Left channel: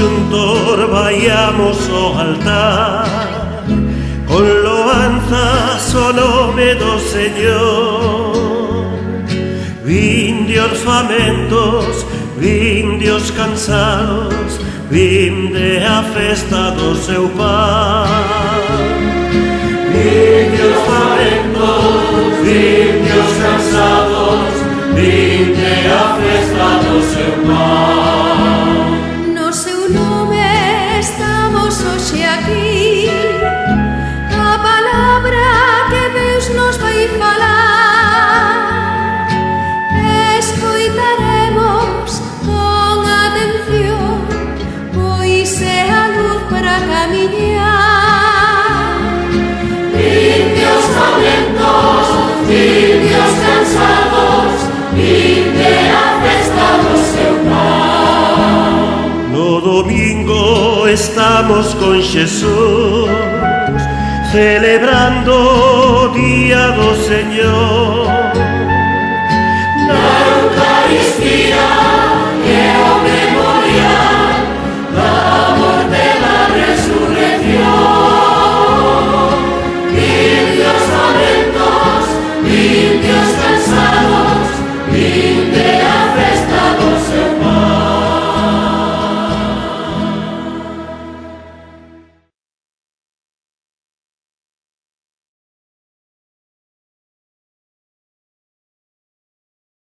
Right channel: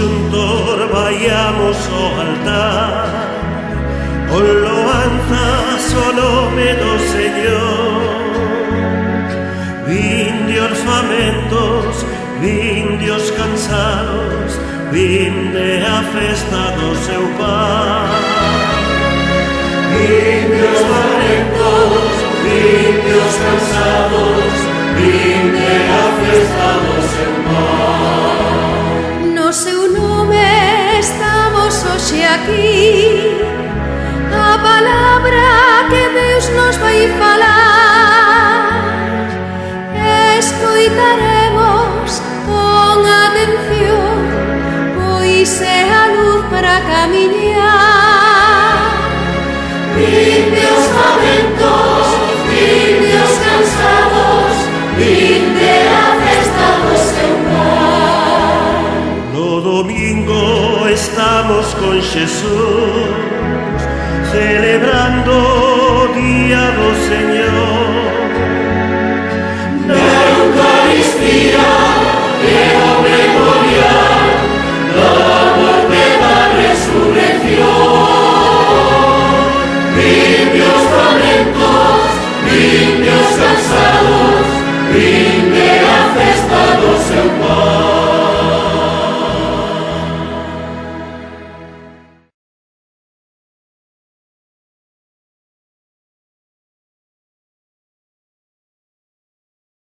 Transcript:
xuntor vayamos ao altar, con loanzas o nome do Señor. Vinde orfamentos, vinde os cansados, vinde a festa do seu Pai. Vinde orfamentos, vinde os cansados, vinde a festa do seu Pai. No seu nome estamos hoxe aquí, a palabra que Deus nos vai falar. Escoitaremos con atención, pois é a luz para camiñar. Vinde os famentos, vinde os cansados, vinde a festa do seu Pai. No domingo estamos con Xesús, celebrando o día do Señor.